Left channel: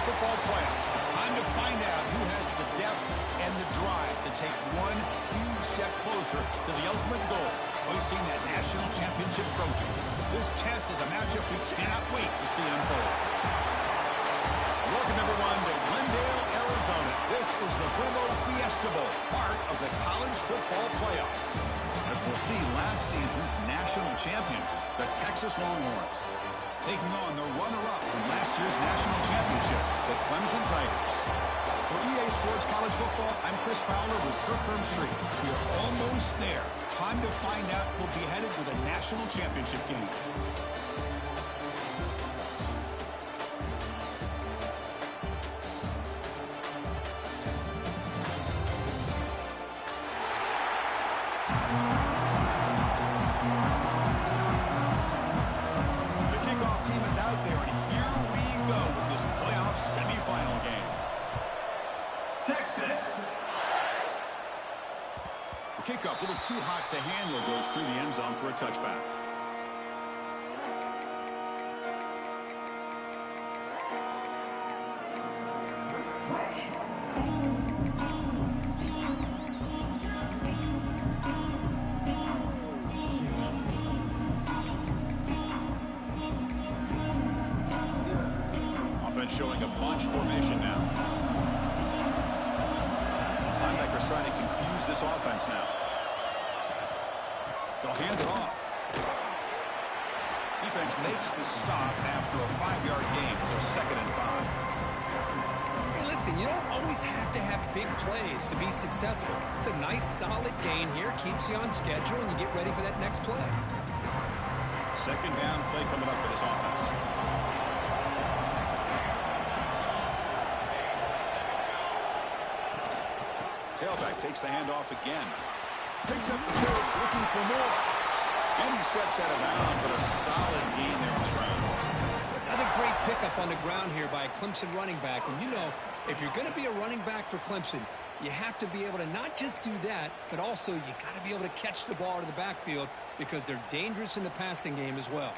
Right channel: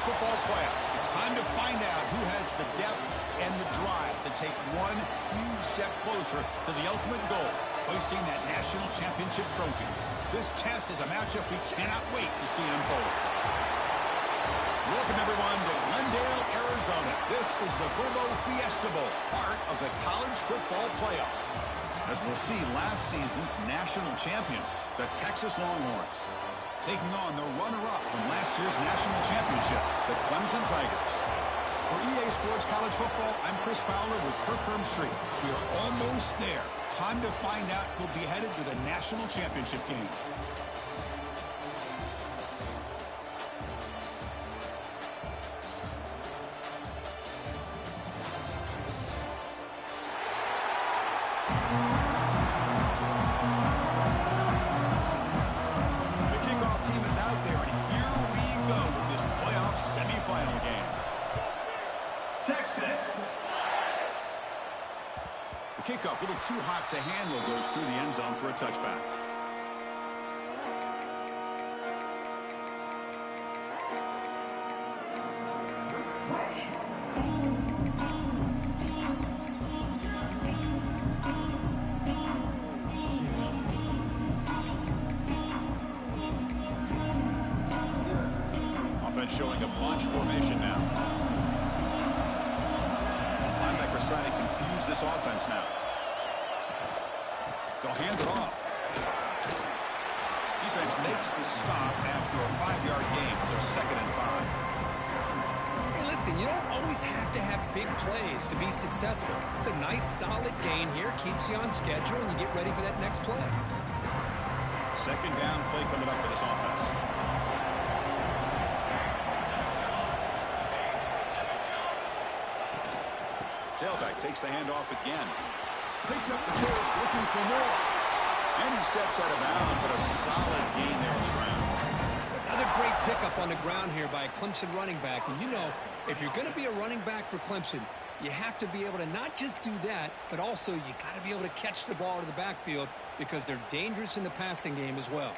college football playoff. It's time to find out who has the depth and the drive to take one huge step closer to the ultimate goal, hoisting that national championship trophy. This test is a matchup we cannot wait to see unfold. Welcome, everyone, to Glendale, Arizona. This is the Boomo Fiesta Bowl, part of the college football playoff. As we'll see, last season's national champions, the Texas Longhorns, taking on the runner-up from last year's national championship, the Clemson Tigers. For EA Sports College Football, I'm Chris Fowler with Kirk Street. We are almost there. Time to find out who'll be headed to the national championship game. Team is out there, and here we go with this playoff semifinal game. Texas. The kickoff, a little too hot to handle, goes through the end zone for a touchback. Showing a bunch formation now. Linebacker's trying to confuse this offense now. They'll hand it off. Defense makes the stop after a 5-yard gain, so 2nd and 5. Hey, listen, you don't always have to have big plays to be successful. It's a nice, solid gain here. Keeps you on schedule, and you get ready for that next play. 2nd down play coming up for this offense. Tailback takes the handoff again. Picks up the first, looking for more. And he steps out of bounds, but a solid gain there on the ground. Another great pickup on the ground here by a Clemson running back. And you know, if you're going to be a running back for Clemson, you have to be able to not just do that, but also you got to be able to catch the ball to the backfield because they're dangerous in the passing game as well.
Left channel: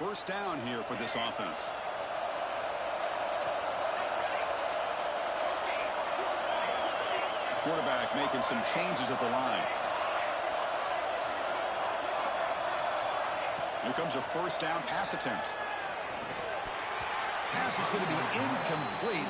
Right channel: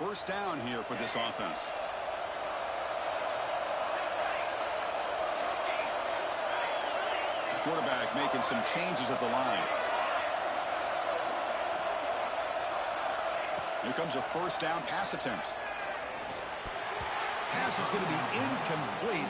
1st down here for this offense. Quarterback making some changes at the line. Here comes a 1st down pass attempt. Pass is going to be incomplete.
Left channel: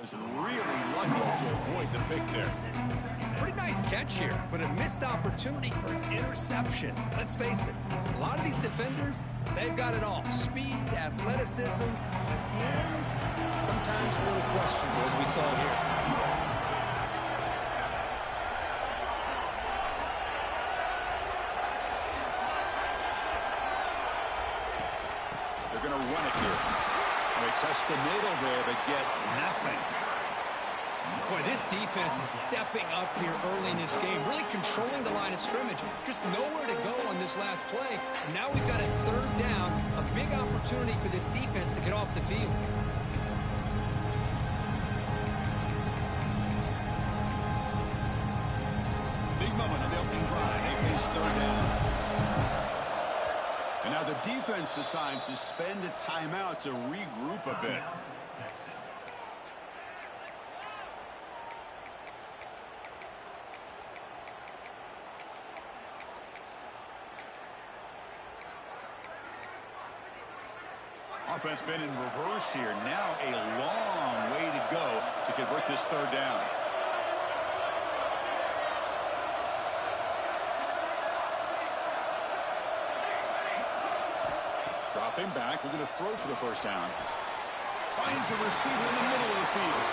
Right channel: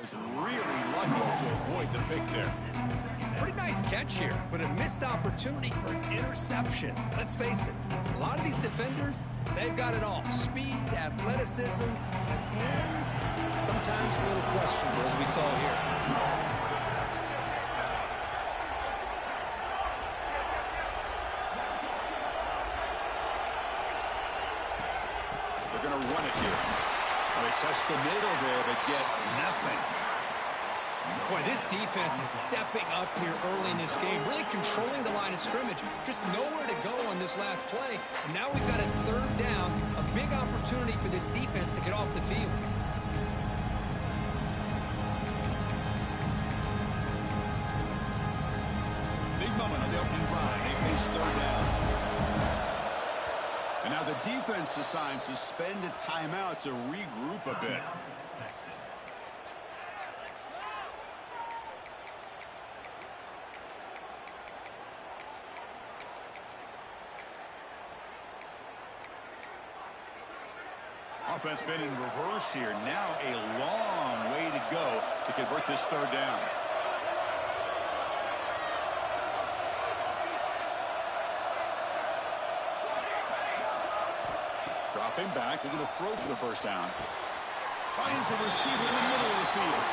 Was really lucky to avoid the pick there. Pretty nice catch here, but a missed opportunity for an interception. Let's face it, a lot of these defenders, they've got it all. Speed, athleticism, but hands, sometimes a little questionable, as we saw here. They're going to run it here. They test the middle there, but get nothing. Boy, this defense is stepping up here early in this game, really controlling the line of scrimmage. Just nowhere to go on this last play. And now we've got a third down, a big opportunity for this defense to get off the field. Big moment on the opening drive. They face third down. And now the defense decides to spend a timeout to regroup a bit. Offense been in reverse here. Now a long way to go to convert this third down. Dropping back, looking to throw for the first down. Finds a receiver in the middle of the field.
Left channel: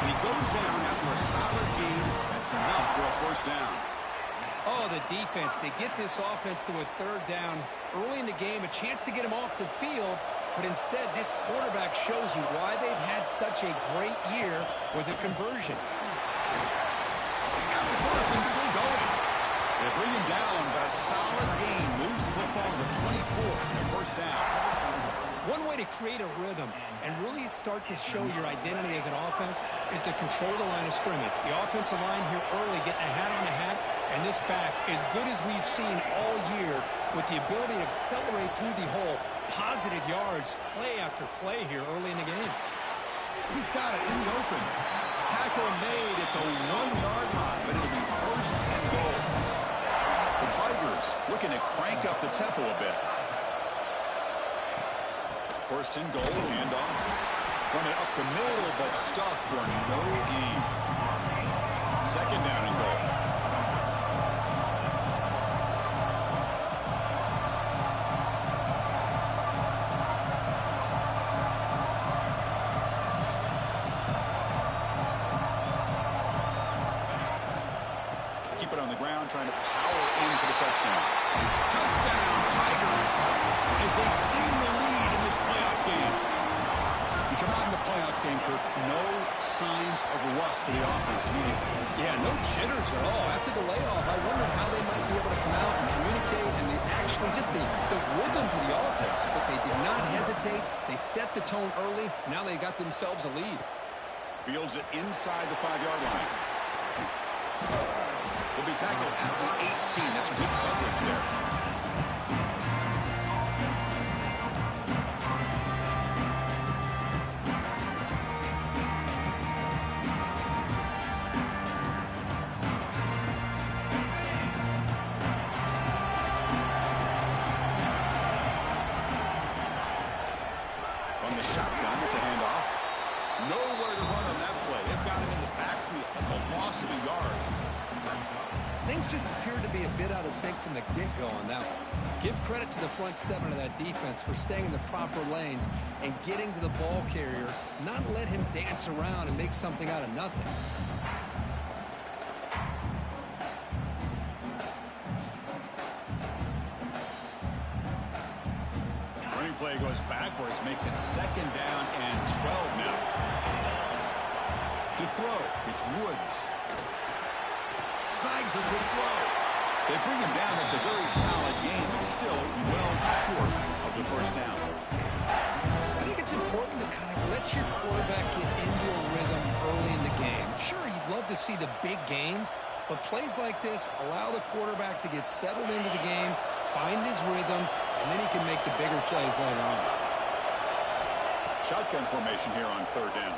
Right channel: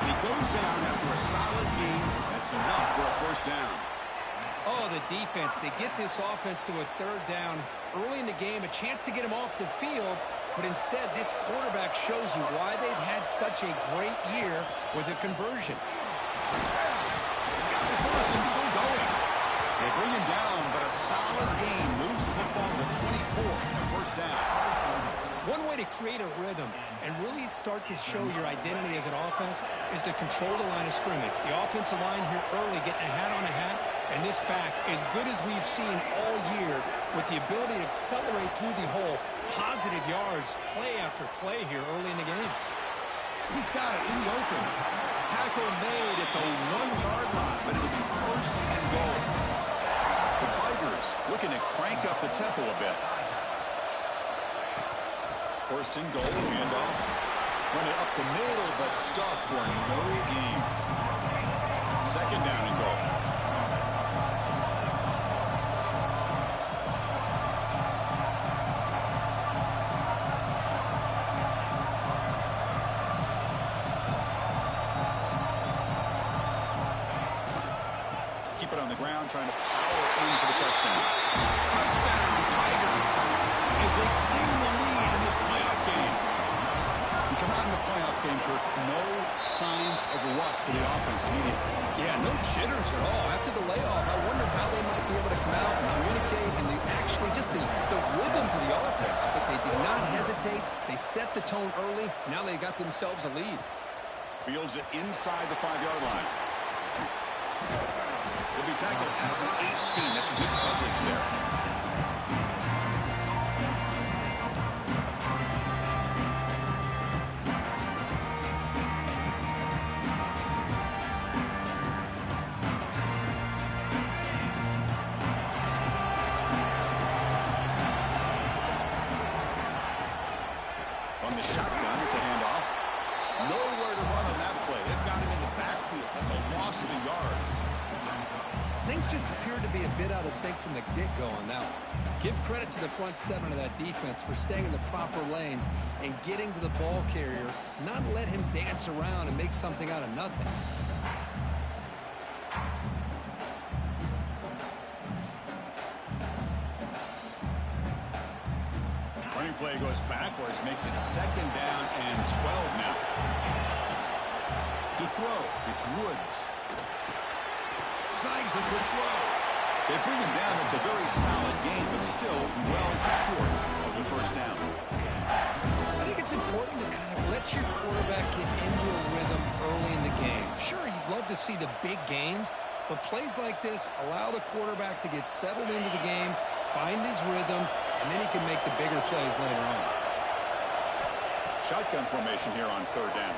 And he goes down after a solid gain. That's enough for a first down. Oh, the defense. They get this offense to a third down early in the game, a chance to get him off the field. But instead, this quarterback shows you why they've had such a great year with a conversion. He's got the first and still going. They bring him down, but a solid gain moves the football to the 24 and a first down. One way to create a rhythm and really start to show your identity as an offense is to control the line of scrimmage. The offensive line here early getting a hat on a hat, and this back, as good as we've seen all year, with the ability to accelerate through the hole, positive yards, play after play here early in the game. He's got it in the open. Tackle made at the 1-yard line, but it'll be first and goal. The Tigers looking to crank up the tempo a bit. First and goal, handoff. Run it up the middle, but stuff for no gain. Second down and goal. Keep it on the ground, trying to power in for the touchdown. Touchdown, Tigers, as they claim the lead in this playoff game. You come out in the playoff game, Kirk, no signs of rust for the offense immediately. Yeah, no jitters at all. After the layoff, I wondered how they might be able to come out and communicate and actually just the rhythm to the offense. But they did not hesitate. They set the tone early. Now they got themselves a lead. Fields it inside the 5-yard line. Will be tackled at the 18. That's good coverage there. From the shotgun, it's a handoff. Nowhere to run on that play. They've got him in the backfield. That's a loss of a yard. Things just appeared to be a bit out of sync from the get-go on that one. Give credit to the front seven of that defense for staying in the proper lanes and getting to the ball carrier, not let him dance around and make something out of nothing. Running play goes backwards, makes it second down and 12 now. To throw, it's Woods. Snags the quick throw. They bring him down. That's a very solid game, but still well short of the first down. I think it's important to kind of let your quarterback get into a rhythm early in the game. Sure, you'd love to see the big gains, but plays like this allow the quarterback to get settled into the game, find his rhythm, and then he can make the bigger plays later on. Shotgun formation here on third down.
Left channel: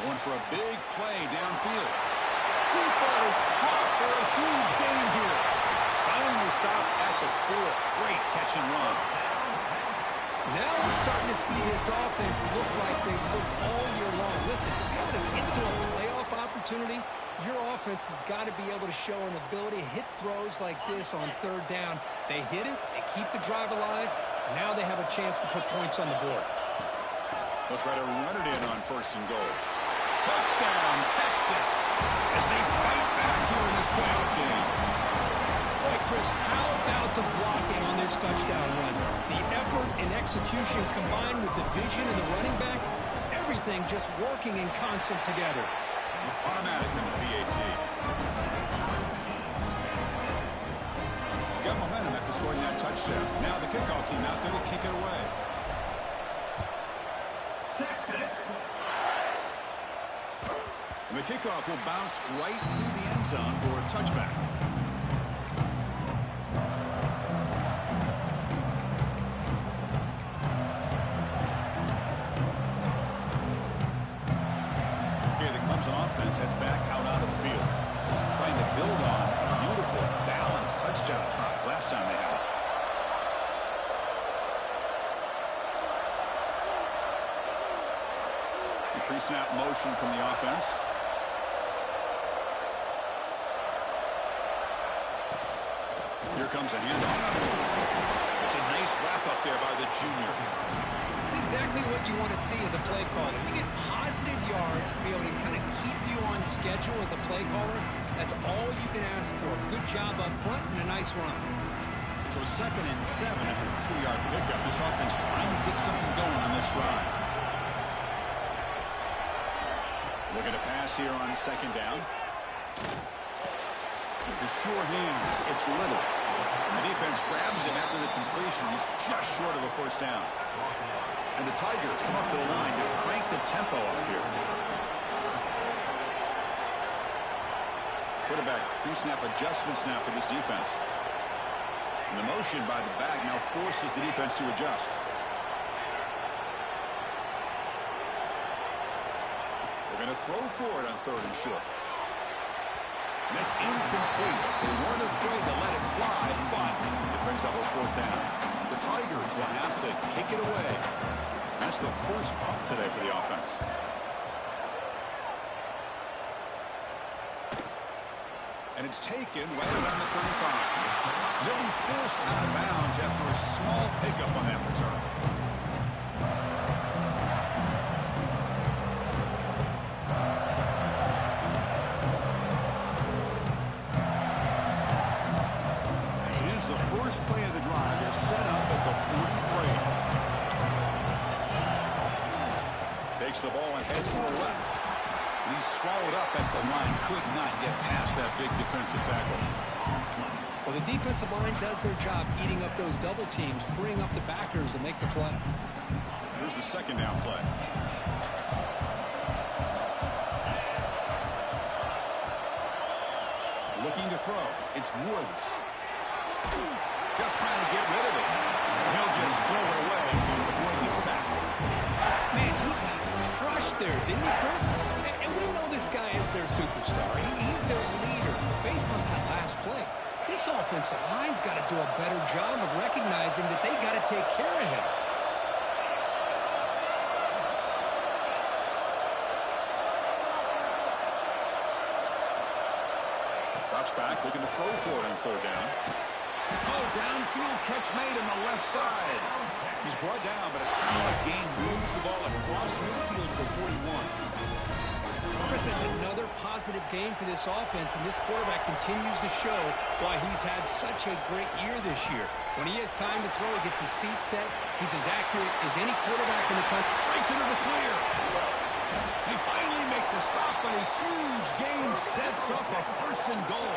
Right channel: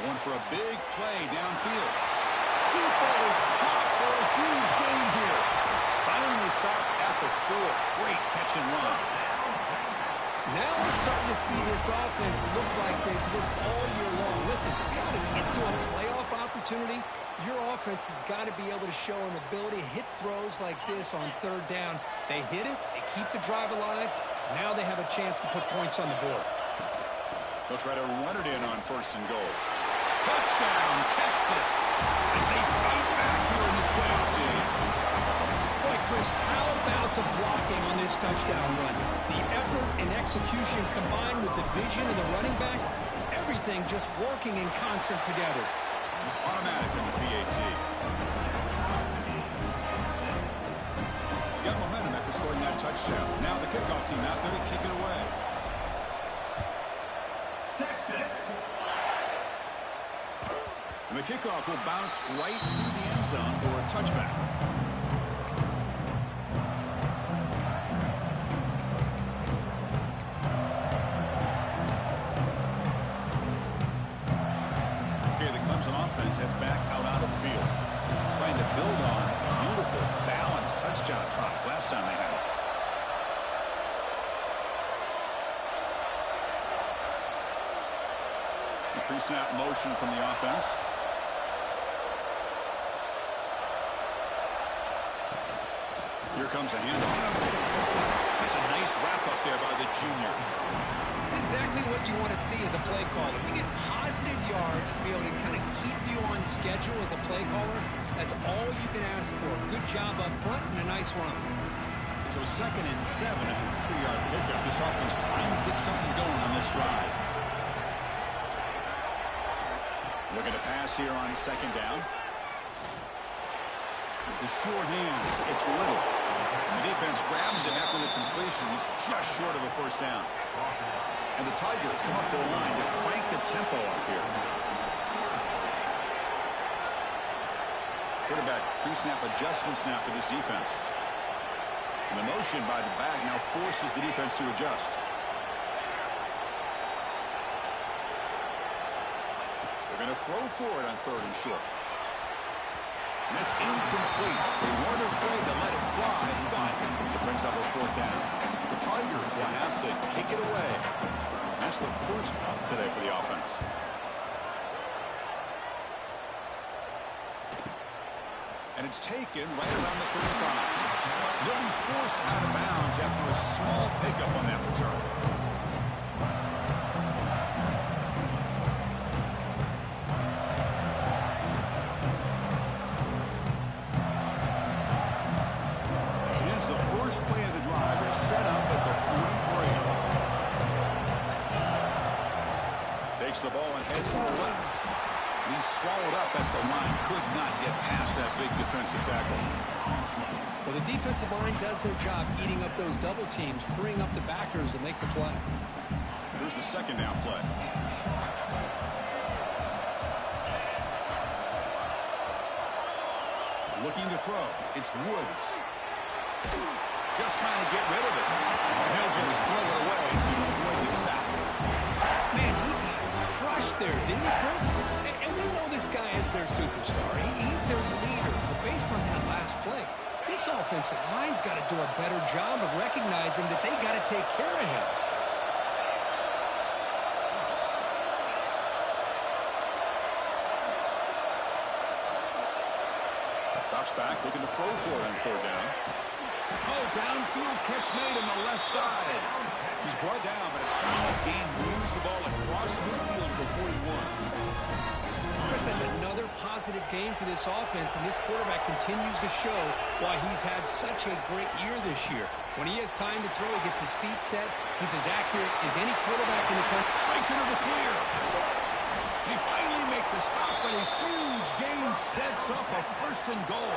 Going for a big play downfield. Deep ball is caught for a huge gain here. Finally stopped at the 4. Great catch and run. Now we're starting to see this offense look like they've looked all year long. Listen, to be able to get to a playoff opportunity, your offense has got to be able to show an ability to hit throws like this on third down. They hit it, they keep the drive alive. Now they have a chance to put points on the board. They'll try to run it in on 1st and goal. Touchdown, Texas, as they fight back here in this playoff game. Boy, Chris, how about the blocking on this touchdown run? The effort and execution combined with the vision of the running back, everything just working in concert together. Automatic in the PAT. Got momentum after scoring that touchdown. Now the kickoff team out there to kick it away. Texas. And the kickoff will bounce right through the end zone for a touchback. Okay, the Clemson offense heads back out onto the field, trying to build on a beautiful, balanced touchdown drive last time they had it. The pre-snap motion from the offense. Here comes a handoff. That's a nice wrap-up there by the junior. It's exactly what you want to see as a play caller. You get positive yards to be able to kind of keep you on schedule as a play caller. That's all you can ask for. Good job up front and a nice run. So 2nd and 7 after a 3-yard pickup. This offense trying to get something going on this drive. Looking to pass here on 2nd down. The sure hands, it's Little. And the defense grabs him after the completion. He's just short of a 1st down. And the Tigers come up to the line to crank the tempo up here. Quarterback pre-snap adjustments now for this defense. And the motion by the back now forces the defense to adjust. They're going to throw for it on 3rd and short. And it's incomplete. They weren't afraid to let it fly, but it brings up a 4th down. The Tigers will have to kick it away. That's the first punt today for the offense. And it's taken right around the 35. And they'll be forced out of bounds after a small pickup on that return. First play of the drive. They're set up at the 43. Takes the ball and heads to the left. And he's swallowed up at the line. Could not get past that big defensive tackle. Well, the defensive line does their job eating up those double teams, freeing up the backers to make the play. Here's the 2nd down play. Looking to throw. It's Woods. Just trying to get rid of it. He'll just throw it away to avoid the sack. Man, he got crushed there, didn't he, Chris? And we know this guy is their superstar. He's their leader. But based on that last play, this offensive line's got to do a better job of recognizing that they got to take care of him. Drops back, looking to throw for it on 3rd down. Oh, downfield catch made on the left side. He's brought down, but a solid gain moves the ball across midfield to the 41. Chris, that's another positive game for this offense, and this quarterback continues to show why he's had such a great year this year. When he has time to throw, he gets his feet set. He's as accurate as any quarterback in the country. Breaks into the clear. They finally make the stop, but a huge gain sets up a 1st and goal.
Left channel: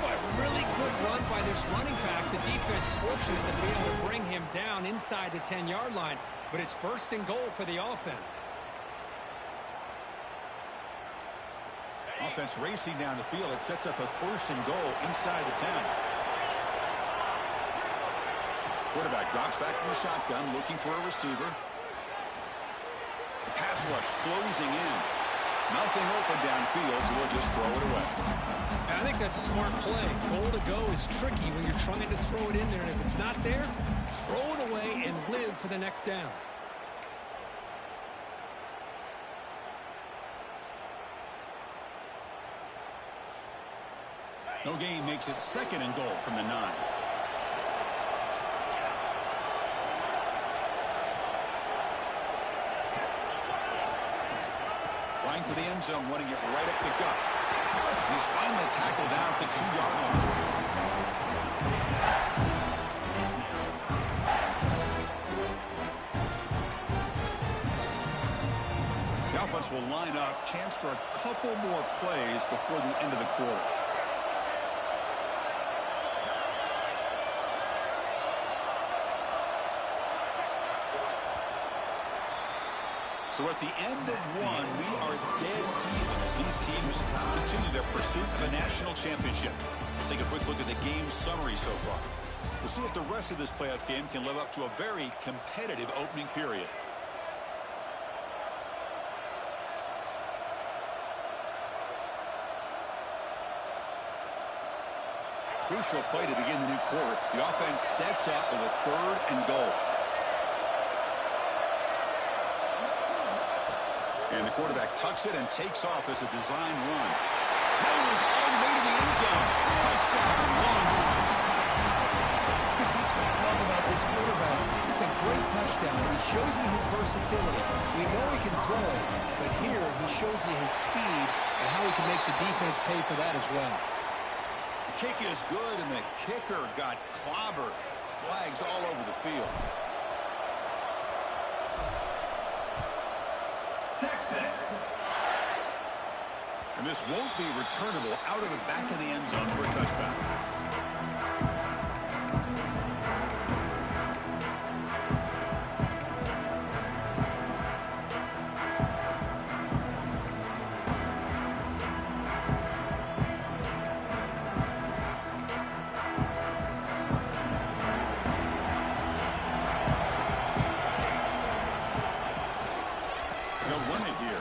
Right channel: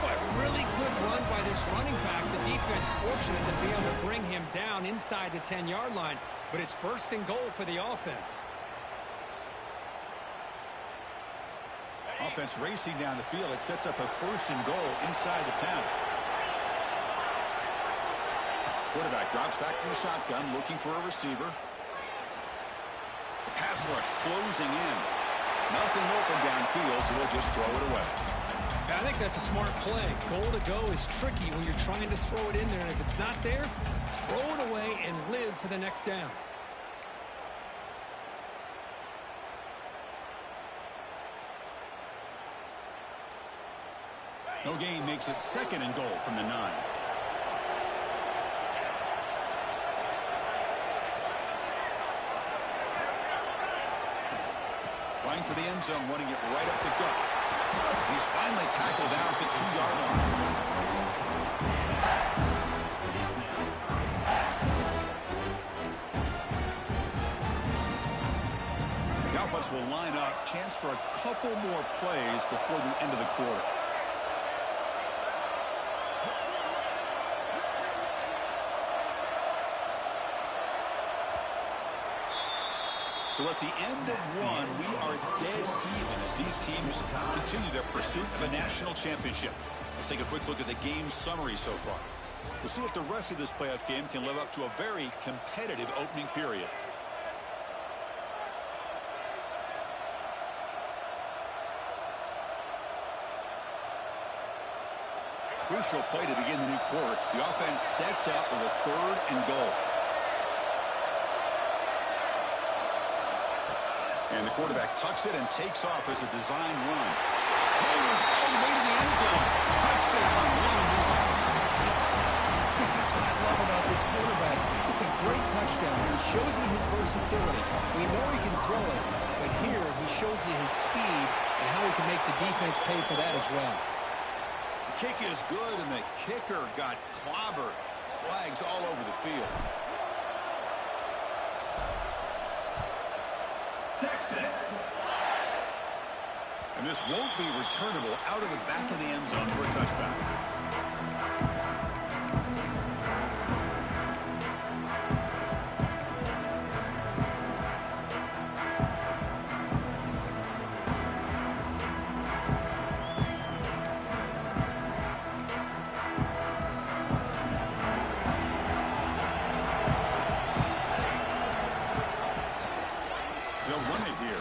Boy, really good run by this running back. The defense fortunate to be able to bring him down inside the 10-yard line, but it's 1st and goal for the offense. Offense racing down the field. It sets up a 1st and goal inside the 10. Quarterback drops back from the shotgun, looking for a receiver. The pass rush closing in. Nothing open downfield, so we'll just throw it away. I think that's a smart play. Goal to go is tricky when you're trying to throw it in there, and if it's not there, throw it away and live for the next down. No gain makes it 2nd and goal from the 9. Going for the end zone, running it right up the gut. He's finally tackled down at the 2-yard line. The offense will line up. Chance for a couple more plays before the end of the quarter. So at the end of one, we are dead even as these teams continue their pursuit of a national championship. Let's take a quick look at the game summary so far. We'll see if the rest of this playoff game can live up to a very competitive opening period. Crucial play to begin the new quarter. The offense sets up with a 3rd and goal. And the quarterback tucks it and takes off as a design run. Motors all the way to the end zone. Touchdown, Longhorns. Chris, that's what I love about this quarterback. It's a great touchdown. He shows you his versatility. We know he can throw it, but here he shows you his speed and how he can make the defense pay for that as well. The kick is good, and the kicker got clobbered. Flags all over the field. Texas. And this won't be returnable out of the back of the end zone for a touchback. They'll run it here.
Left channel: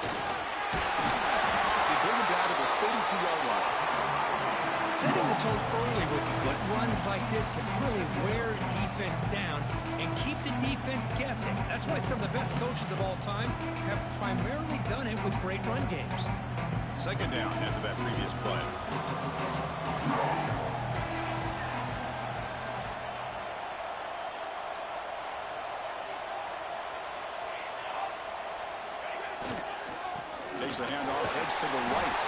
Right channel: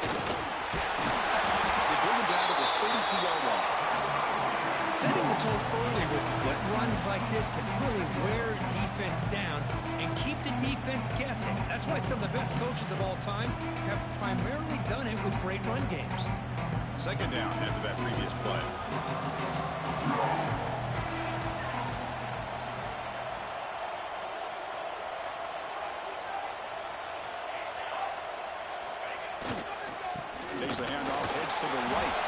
They bring him down to the 32-yard line. Setting the tone early with good runs like this can really wear defense down and keep the defense guessing. That's why some of the best coaches of all time have primarily done it with great run games. 2nd down after that previous play. Takes the handoff, heads to the right.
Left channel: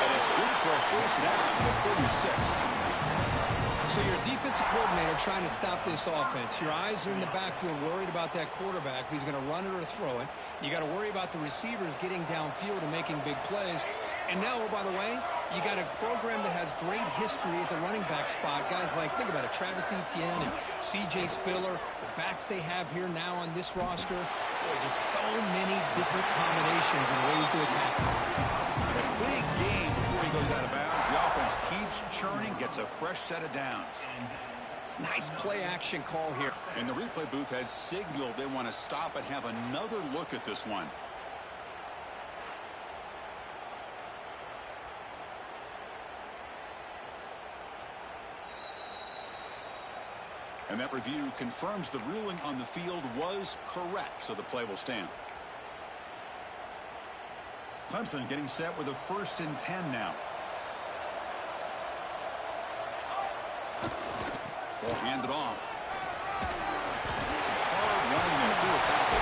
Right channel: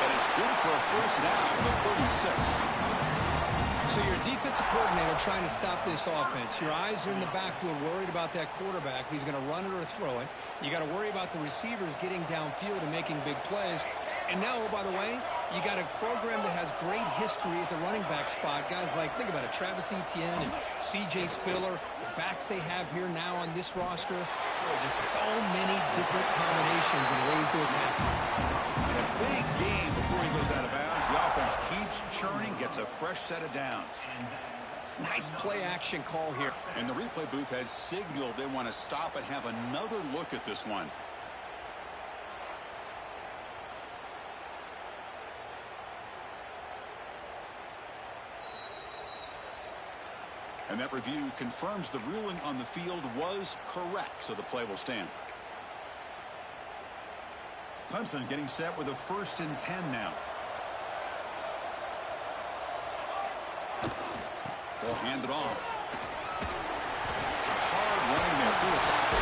And it's good for a 1st down to the 36. So you're a defensive coordinator trying to stop this offense. Your eyes are in the backfield worried about that quarterback, if he's going to run it or throw it. You got to worry about the receivers getting downfield and making big plays. And now, oh, by the way, you got a program that has great history at the running back spot. Guys like, think about it, Travis Etienne and C.J. Spiller, the backs they have here now on this roster. Boy, just so many different combinations and ways to attack him. And a big game before he goes out of bounds. The offense keeps churning, gets a fresh set of downs. Nice play action call here. And the replay booth has signaled they want to stop and have another look at this one. And that review confirms the ruling on the field was correct, so the play will stand. Clemson getting set with a 1st and 10 now. Will hand it off. Some hard running there through a tackle.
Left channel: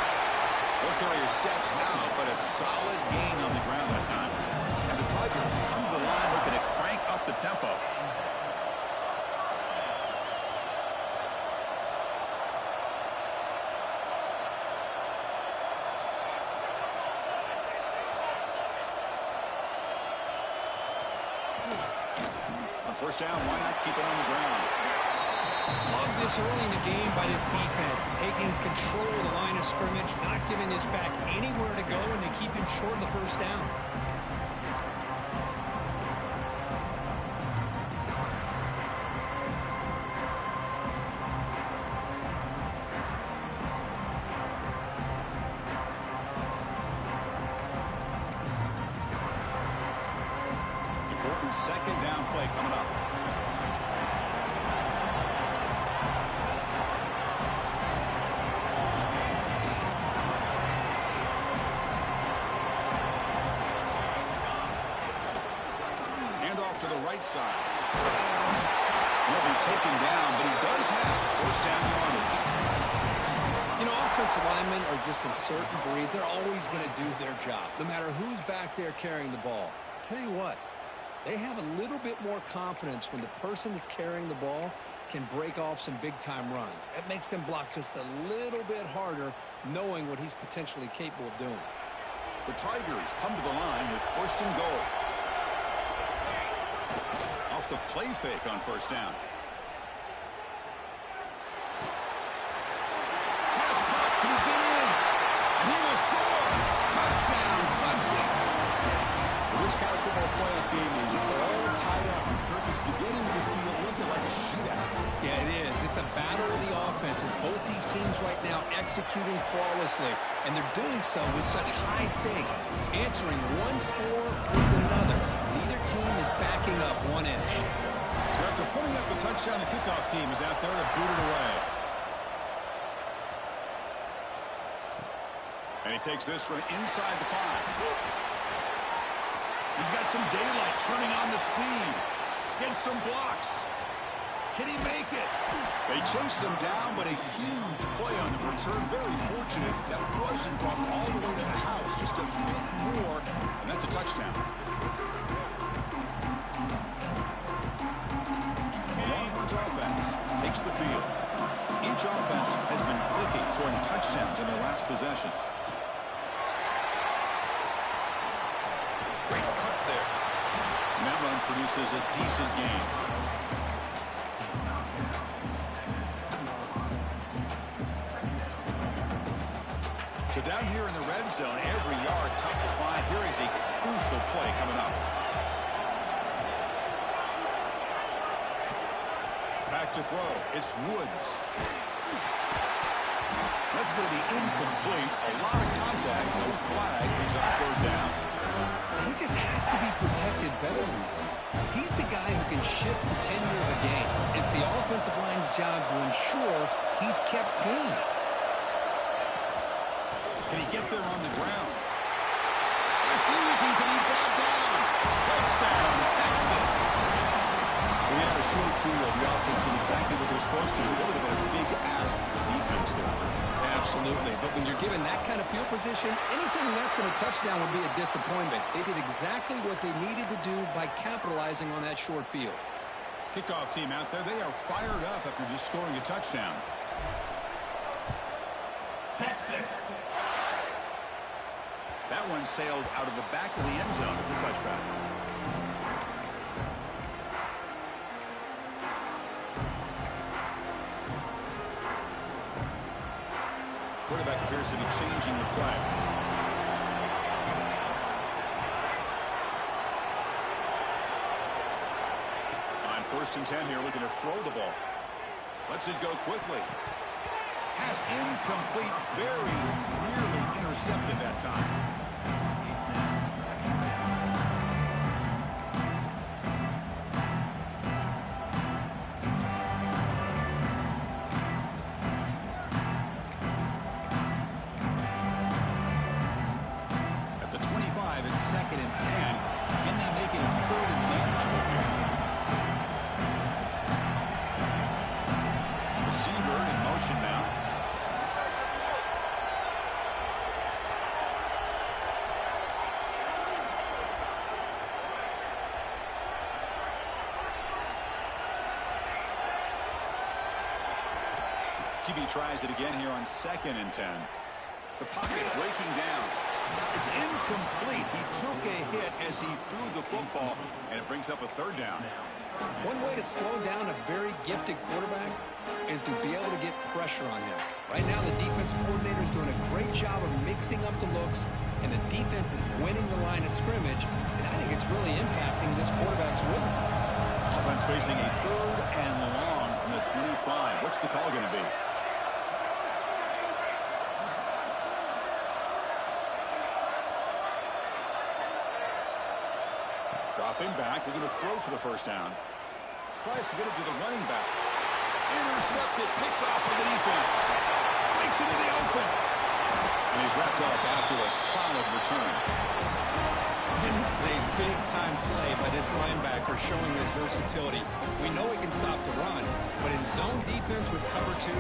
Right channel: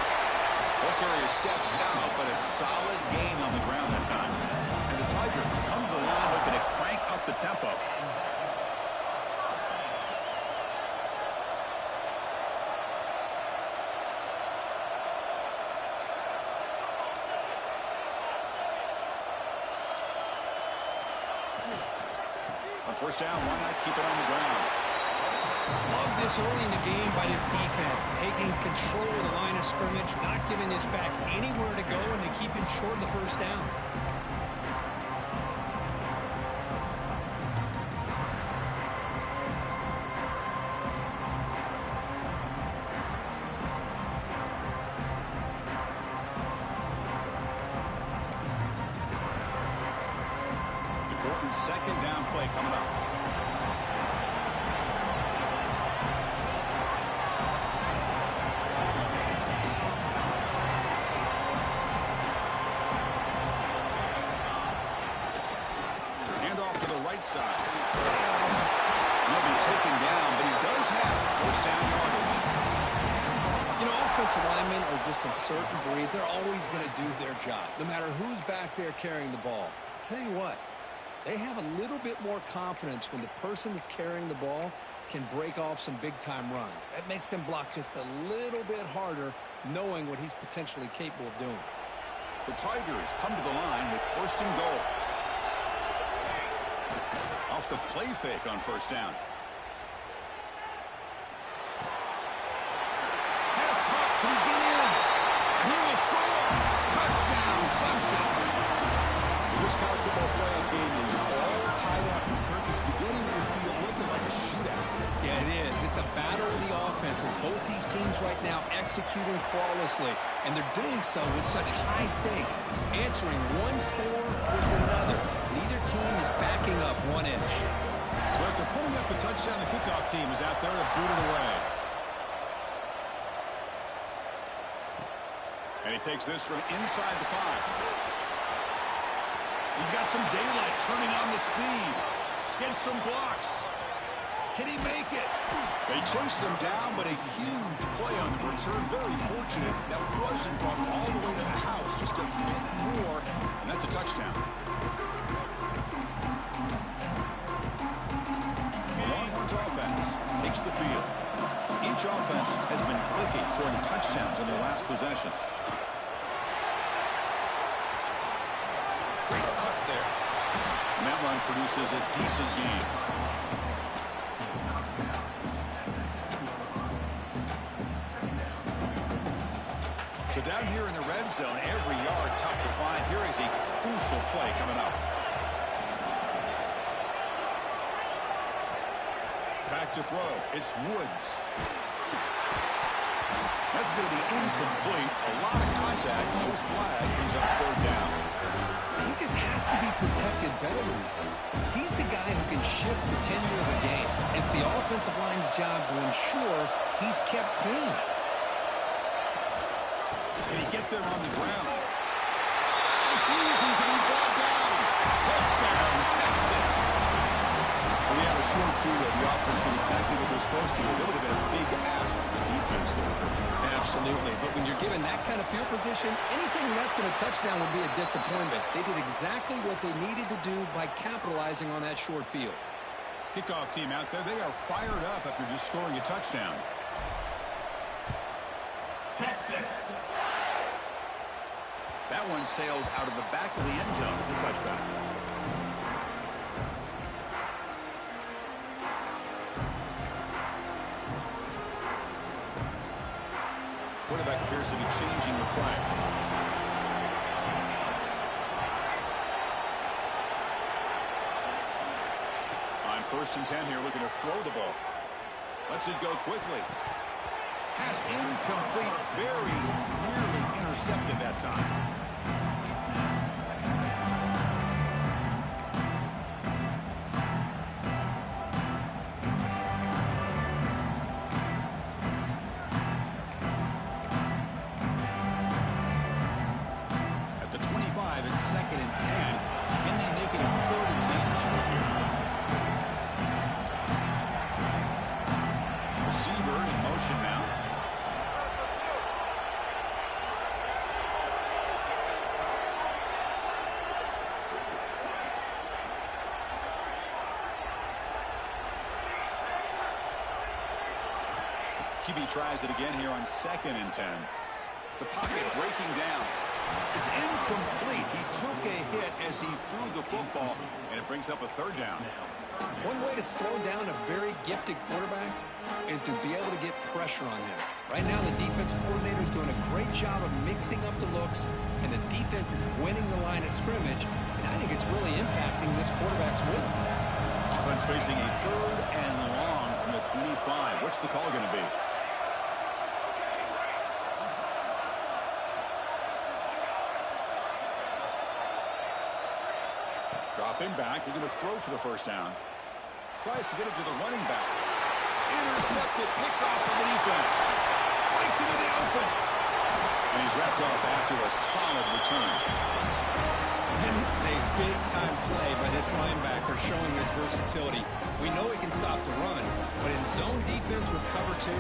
Ball carrier steps out, but a solid gain on the ground that time. And the Tigers come to the line looking to crank up the tempo. On 1st down, why not keep it on the ground? Love this early in the game by this defense, taking control of the line of scrimmage, not giving this back anywhere to go, and they keep him short of the 1st down. important second down play coming up. Hand off to the right side. He'll be taken down, but he does have first down yardage. You know, offensive linemen are just a certain breed. They're always going to do their job, no matter who's back there carrying the ball. I'll tell you what, they have a little bit more confidence when the person that's carrying the ball can break off some big-time runs. That makes them block just a little bit harder, knowing what he's potentially capable of doing. The Tigers come to the line with first and goal. Off the play fake on first down. Pass caught. Can he get in? And he will score. Touchdown, Clemson. Well, this college football playoff game is all tied up. Kirk, it's beginning to feel a little bit like a shootout. Yeah, it is. It's a battle of the offenses. Both these teams right now executing flawlessly, and they're doing so with such high stakes. Answering one score with another. Neither team is backing up 1 inch. So after putting up the touchdown, the kickoff team is out there to boot it away. And he takes this from inside the 5. He's got some daylight turning on the speed. Gets some blocks. Can he make it? They chase him down, but a huge play on the return. Very fortunate that wasn't brought all the way to the house. Just a bit more, and that's a touchdown. Longhorns offense takes the field. Each offense has been clicking, scoring touchdowns in their last possessions. Great cut there. And that run produces a decent gain. So down here in the red zone, every yard tough to find. Here is a crucial play coming up. Back to throw. It's Woods. That's going to be incomplete. A lot of contact. No flag. Brings up third down. He just has to be protected better than that. He's the guy who can shift the tenure of a game. It's the offensive line's job to ensure he's kept clean. Can he get there on the ground? Refusing to be brought down. Touchdown, Texas. We had a short field. The offense did exactly what they're supposed to do. That would have been a big ask for the defense there. Absolutely. But when you're given that kind of field position, anything less than a touchdown would be a disappointment. They did exactly what they needed to do by capitalizing on that short field. Kickoff team out there. They are fired up after just scoring a touchdown. Texas. That one sails out of the back of the end zone at the touchback. Quarterback appears to be changing the play. On 1st and 10 here, looking to throw the ball. Lets it go quickly. Pass incomplete, very nearly intercepted that time. At the 25, it's 2nd and 10. Can they make it a 3rd and manageable here? Receiver in motion now. QB tries it again here on 2nd and 10. The pocket breaking down. It's incomplete. He took a hit as he threw the football, and it brings up a 3rd down. One way to slow down a very gifted quarterback is to be able to get pressure on him. Right now, the defense coordinator is doing a great job of mixing up the looks, and the defense is winning the line of scrimmage, and I think it's really impacting this quarterback's rhythm. Offense facing a 3rd and long from the 25. What's the call going to be? Dropping back, looking to throw for the first down. Tries to get it to the running back. Intercepted, picked off by the defense. Breaks into the open. And he's wrapped up after a solid return. And this is a big-time play by this linebacker showing his versatility. We know he can stop the run, but in zone defense with cover 2,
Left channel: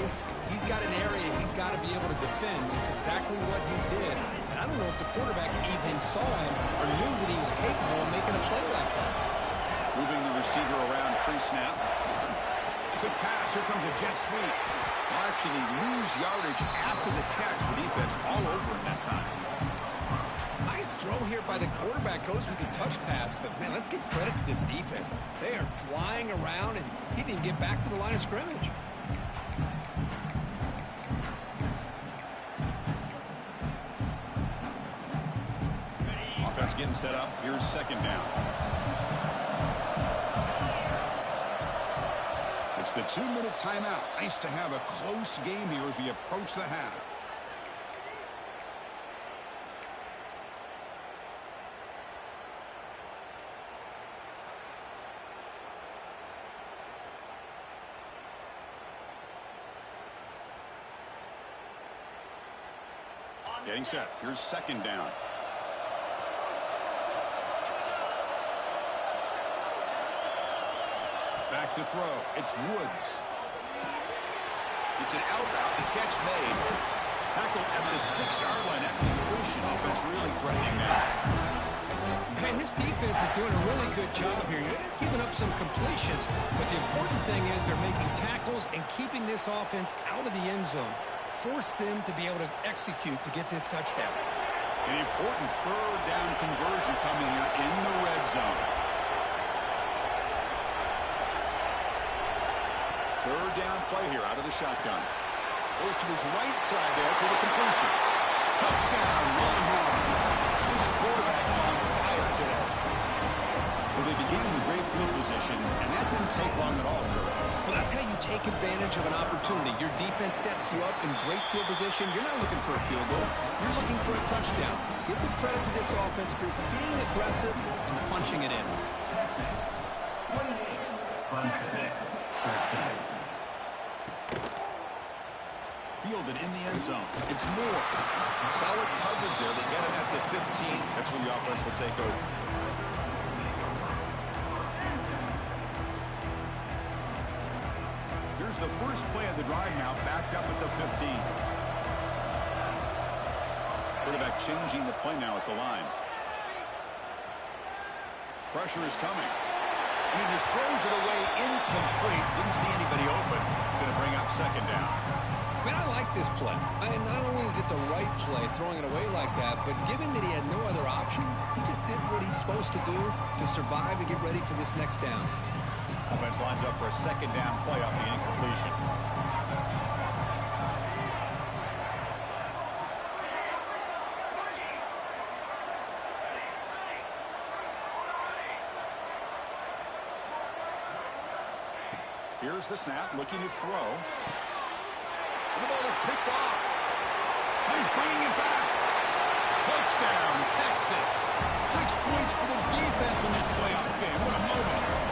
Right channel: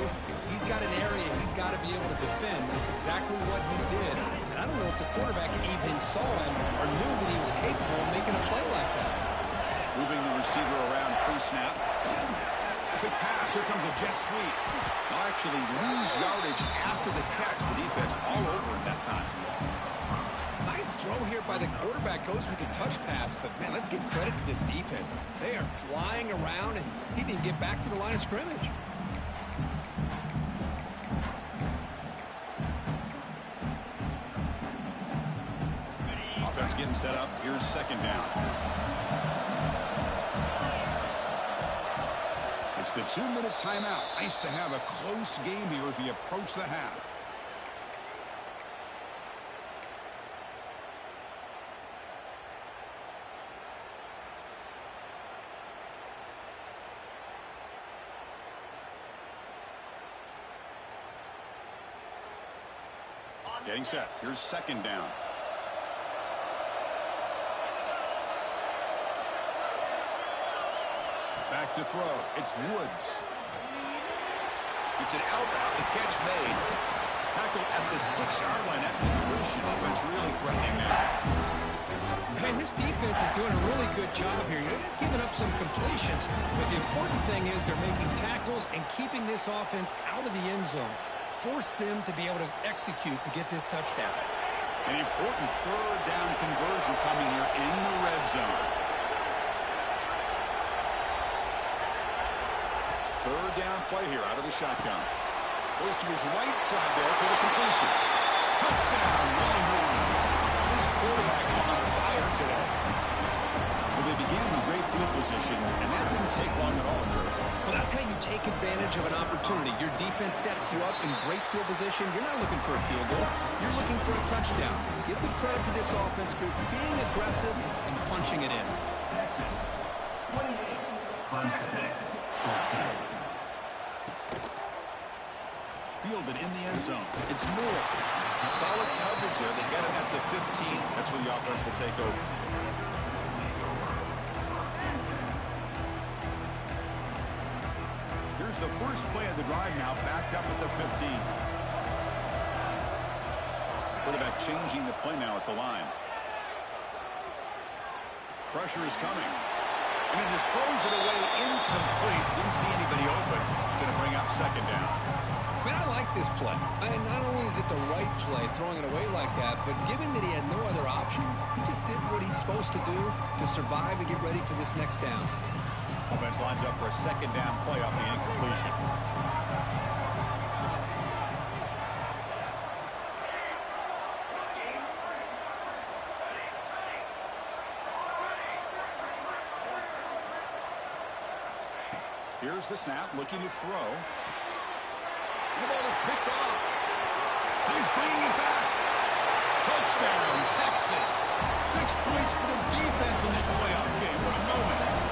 he's got an area he's got to be able to defend. It's exactly what he did. And I don't know if the quarterback even saw him or knew that he was capable of making a play like that. Moving the receiver around pre-snap. Good pass. Here comes a jet sweep. They'll actually lose yardage after the catch. The defense all over him that time. Nice throw here by the quarterback. Goes with the touch pass. But, man, let's give credit to this defense. They are flying around, and he didn't even get back to the line of scrimmage. Offense getting set up. Here's second down. It's the 2-minute timeout. Nice to have a close game here as we approach the half. Getting set. Here's second down. Back to throw. It's Woods. It's an out route. The catch made. Tackled at the 6-yard line at the completion. Offense really threatening now. Man, this defense is doing a really good job here. You're giving up some completions, but the important thing is they're making tackles and keeping this offense out of the end zone. Force them to be able to execute to get this touchdown. An important third down conversion coming here in the red zone. Third down play here out of the shotgun. Goes to his right side there for the completion. Touchdown, Longhorns. This quarterback on fire today. Well, they began with great field position, and that didn't take long at all, Kurt. Well, that's how you take advantage of an opportunity. Your defense sets you up in great field position. You're not looking for a field goal. You're looking for a touchdown. Give the credit to this offense for being aggressive and punching it in. Texas, 28. Texas, 14. Fielded in the end zone. It's Moore. Solid coverage there. They get him at the 15. That's where the offense will take over. Here's the first play of the drive now, backed up at the 15. Quarterback changing the play now at the line. Pressure is coming. And he just throws it away incomplete. Didn't see anybody open. He's going to bring up second down. Man, I like this play. And not only is it the right play, throwing it away like that, but given that he had no other option, he just did what he's supposed to do to survive and get ready for this next down. Offense lines up for a second down play off the incompletion. Here's the snap, looking to throw. And the ball is picked off. He's bringing it back. Touchdown, Texas. 6 points for the defense in this playoff game. What a moment.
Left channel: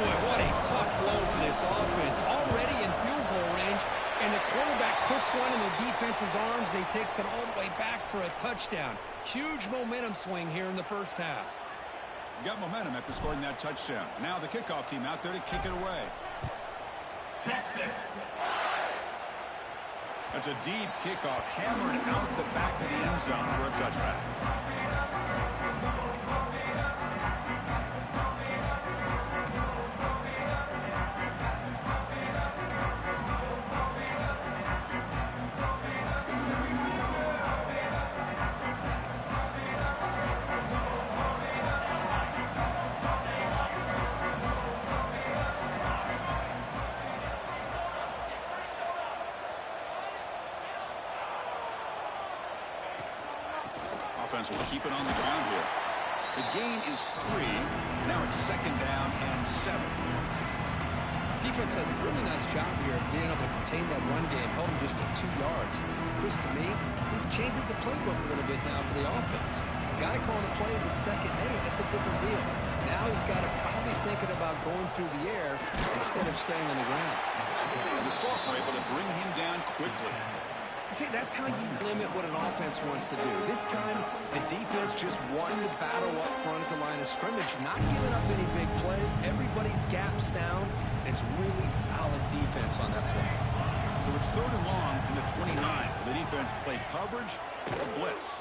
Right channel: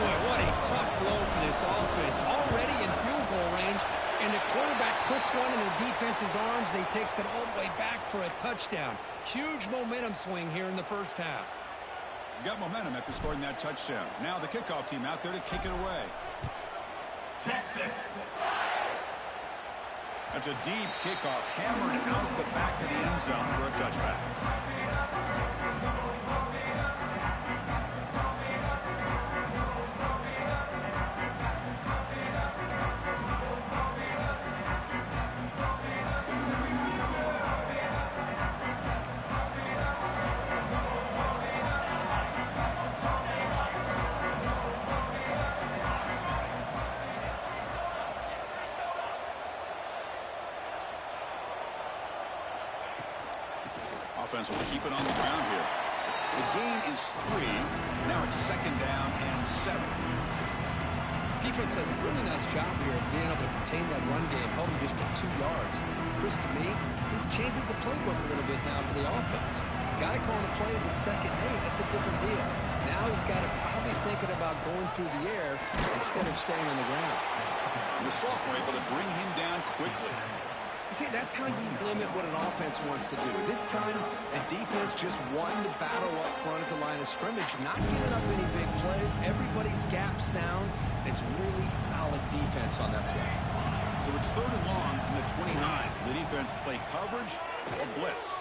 Boy, what a tough blow for this offense. Already in field goal range, and the quarterback puts one in the defense's arms. They takes it all the way back for a touchdown. Huge momentum swing here in the first half. Got momentum after scoring that touchdown. Now the kickoff team out there to kick it away. Texas. That's a deep kickoff, hammered out the back of the end zone for a touchback. Offense will keep it on the ground here. The gain is 3. Now it's second down and 7. Defense does a really nice job here of being able to contain that run game, held him just to 2 yards. Chris, to me, this changes the playbook a little bit now for the offense. guy calling the plays at second and 8, that's a different deal. Now he's got to probably thinking about going through the air instead of staying on the ground. The sophomore able to bring him down quickly. See, that's how you limit what an offense wants to do. This time, the defense just won the battle up front at the line of scrimmage, not giving up any big plays. Everybody's gap sound. It's really solid defense on that play. So it's 3rd and long from the 29. The defense play coverage or blitz.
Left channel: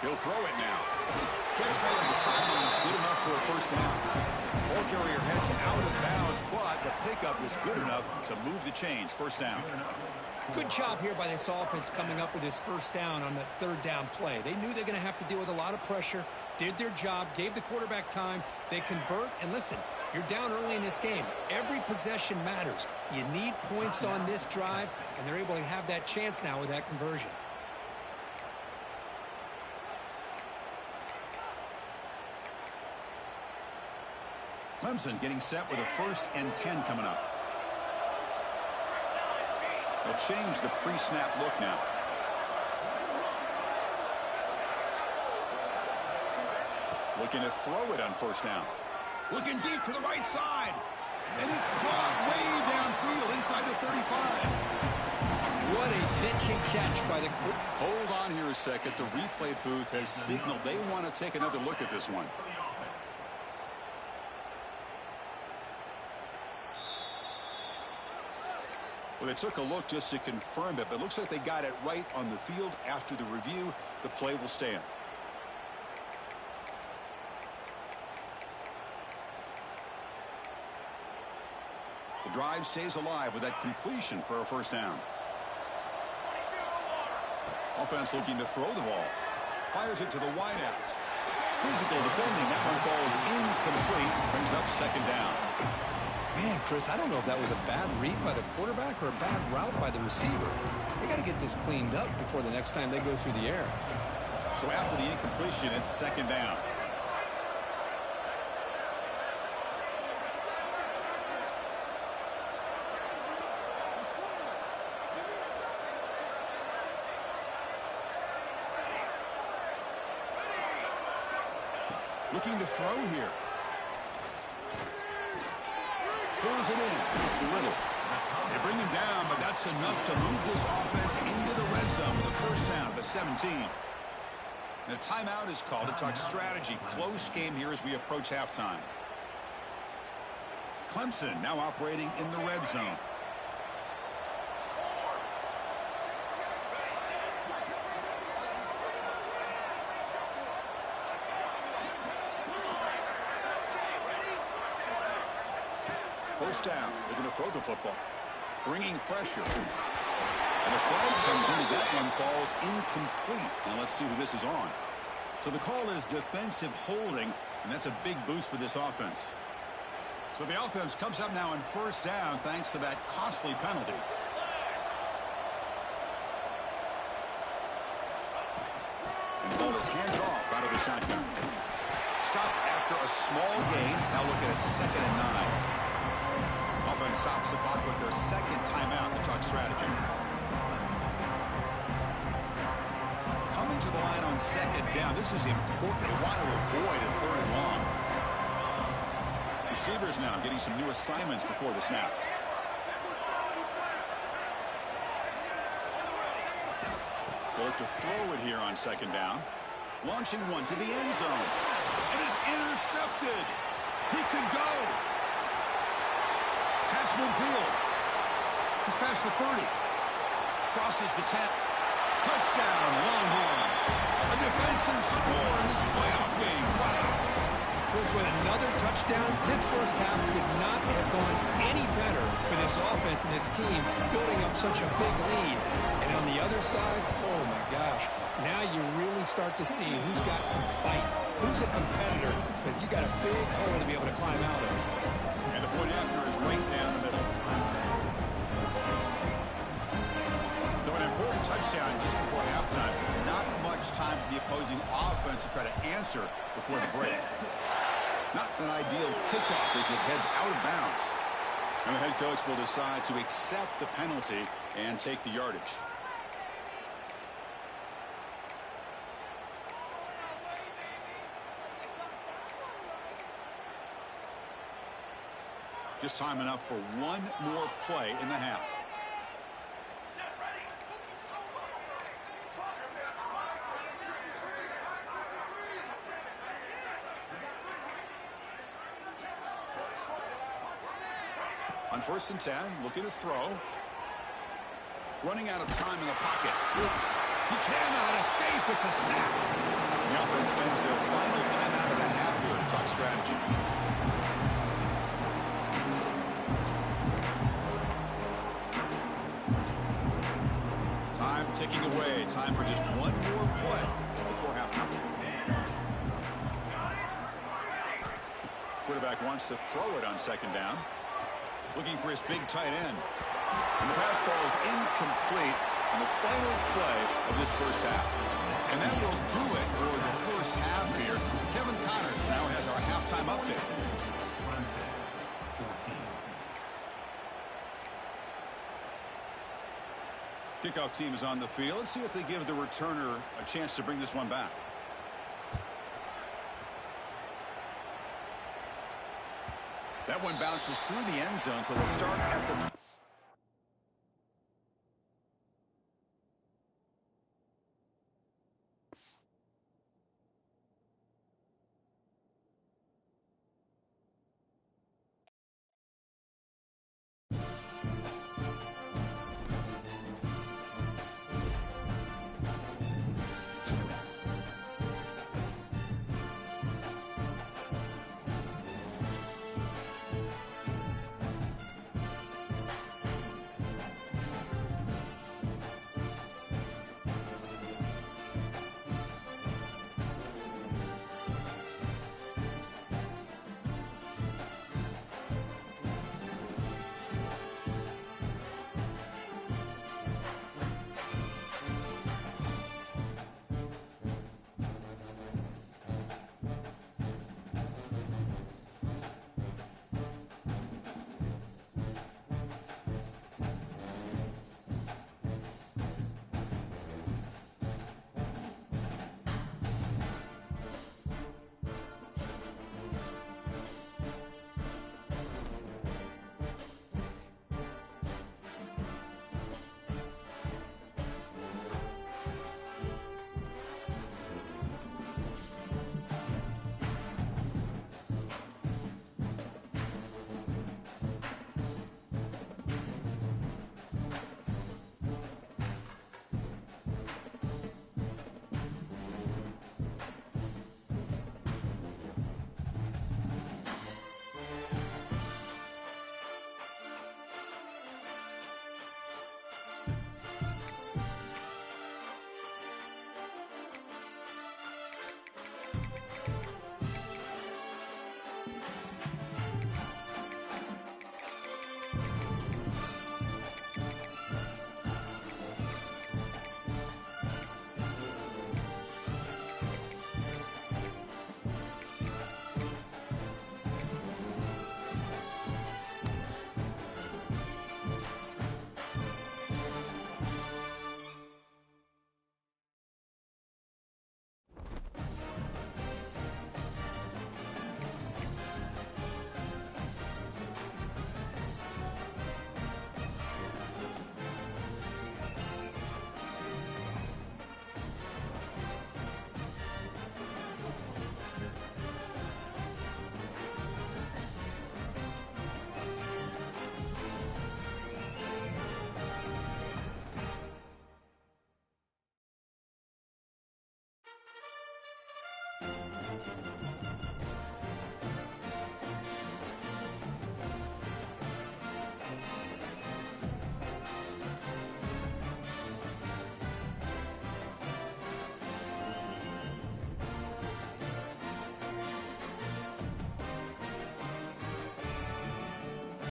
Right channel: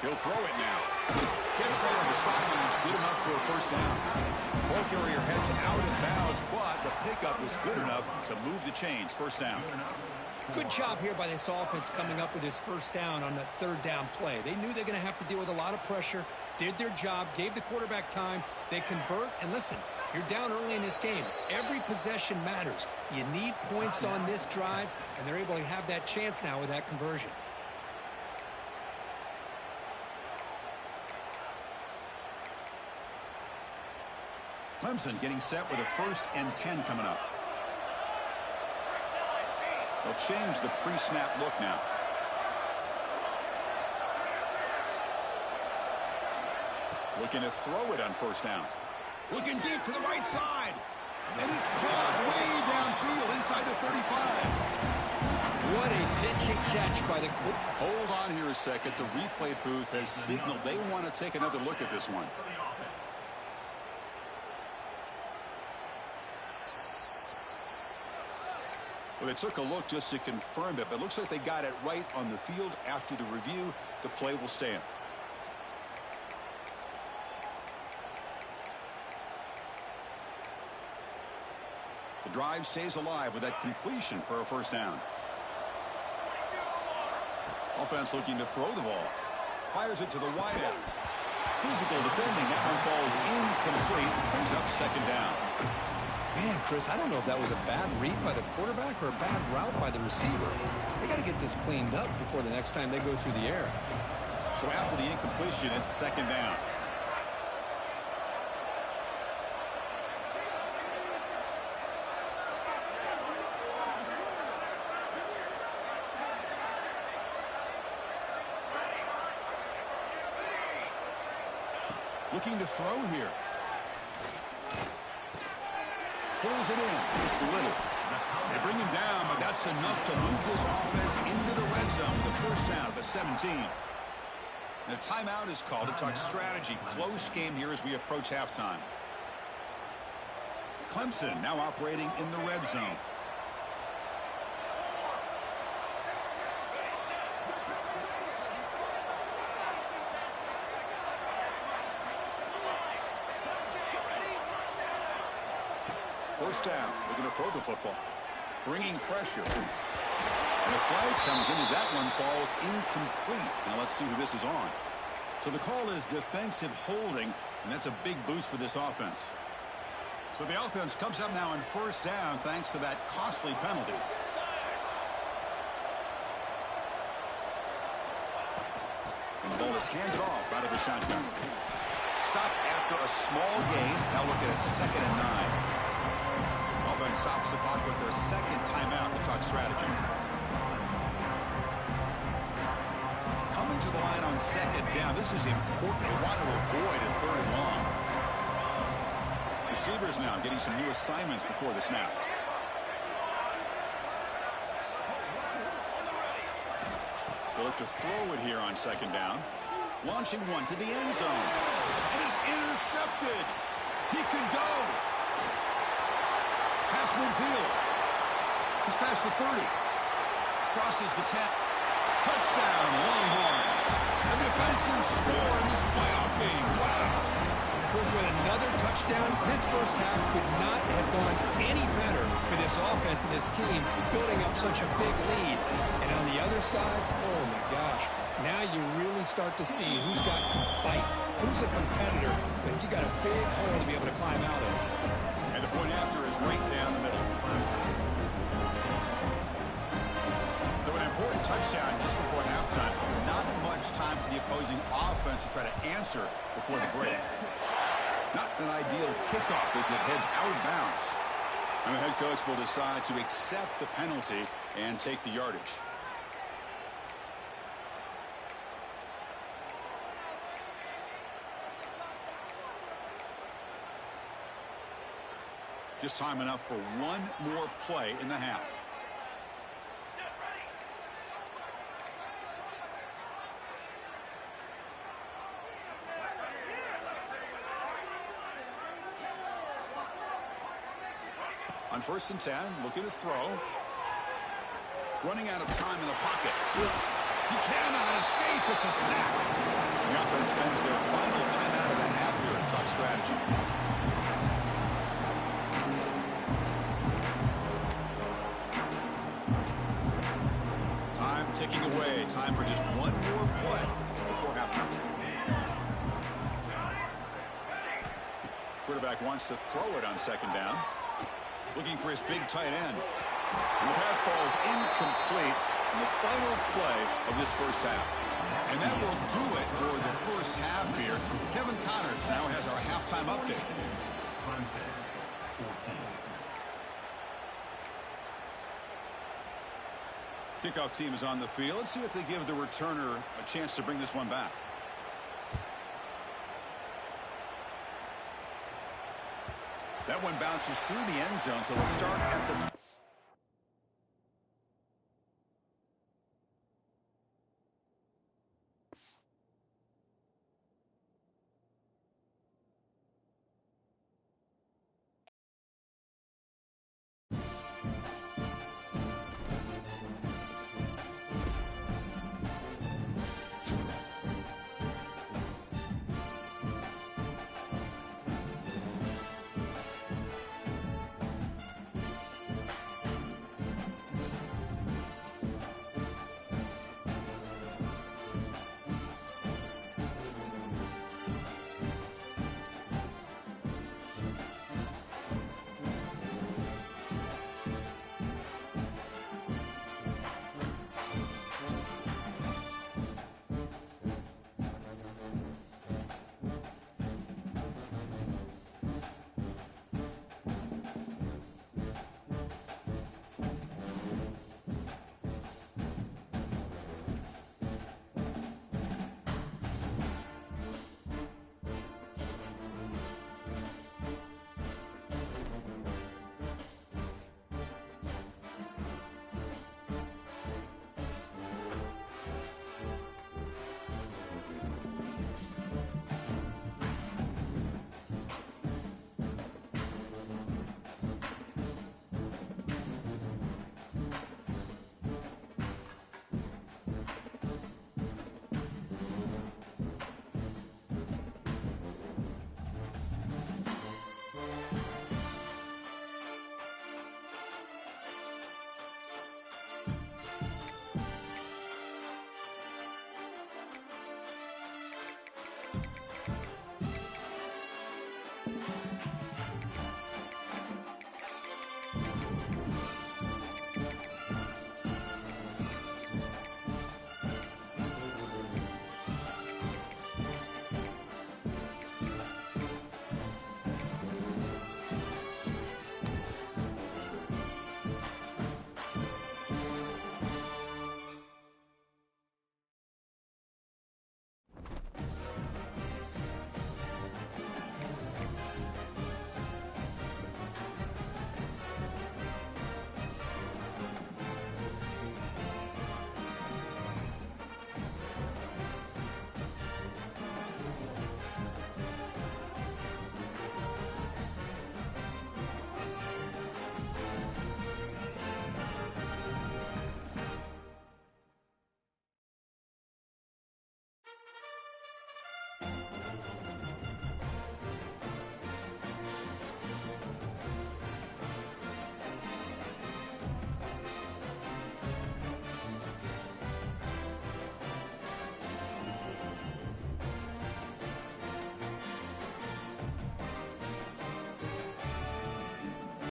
He'll throw it now. Catch made on the sidelines, good enough for a first down. Ball carrier heads out of bounds, but the pickup was good enough to move the chains. First down. Good job here by this offense coming up with this first down on the 3rd down play. They knew they're going to have to deal with a lot of pressure, did their job, gave the quarterback time. They convert, and listen, you're down early in this game. Every possession matters. You need points on this drive, and they're able to have that chance now with that conversion. Clemson getting set with a 1st and 10 coming up. They'll change the pre-snap look now. Looking to throw it on first down. Looking deep to the right side. And it's caught way downfield inside the 35. What a pitch and catch by the quarterback. Hold on here a second. The replay booth has signaled they want to take another look at this one. Well, they took a look just to confirm it, but it looks like they got it right on the field. After the review, the play will stand. The drive stays alive with that completion for a first down. Offense looking to throw the ball. Fires it to the wideout. Physical defending. That one falls incomplete. Brings up second down. Man, Chris, I don't know if that was a bad read by the quarterback or a bad route by the receiver. They got to get this cleaned up before the next time they go through the air. So after the incompletion, it's second down. Looking to throw here. Pulls it in. It's little. They bring him down, but that's enough to move this offense into the red zone with a first down at the 17. And a timeout is called to talk strategy. Close game here as we approach halftime. Clemson now operating in the red zone. First down. They're going to throw the football. Bringing pressure. And a flag comes in as that one falls incomplete. Now let's see who this is on. So the call is defensive holding, and that's a big boost for this offense. So the offense comes up now on first down thanks to that costly penalty. And the ball is handed off out of the shotgun. Stopped after a small gain. Now looking at 2nd and 9. Offense stops the clock with their second timeout to talk strategy. Coming to the line on second down. This is important. They want to avoid a 3rd and long. Receivers now getting some new assignments before the snap. They look to throw it here on second down. Launching one to the end zone. And is intercepted. He could go. Past midfield. He's past the 30. Crosses the 10. Touchdown, Longhorns. A defensive score in this playoff game. Wow. Chris, with another touchdown, this first half could not have gone any better for this offense and this team, building up such a big lead. And on the other side, oh my gosh, now you really start to see who's got some fight, who's a competitor, because you got a big hole to be able to climb out of. And the point after is right down the middle. So an important touchdown just before halftime. Not much time for the opposing offense to try to answer before the break. Not an ideal kickoff as it heads out of bounds. And the head coach will decide to accept the penalty and take the yardage. Just time enough for one more play in the half. On 1st and 10, looking to throw. Running out of time in the pocket. He cannot escape. It's a sack. The offense spends their final timeout of the half here to talk strategy. Time ticking away. Time for just one more play before halftime. Quarterback wants to throw it on 2nd down. Looking for his big tight end. And the pass falls incomplete in the final play of this first half. And that will do it for the first half here. Kevin Connors now has our halftime update. Clemson, 14. Kickoff team is on the field. Let's see if they give the returner a chance to bring this one back. That one bounces through the end zone, so they'll start at the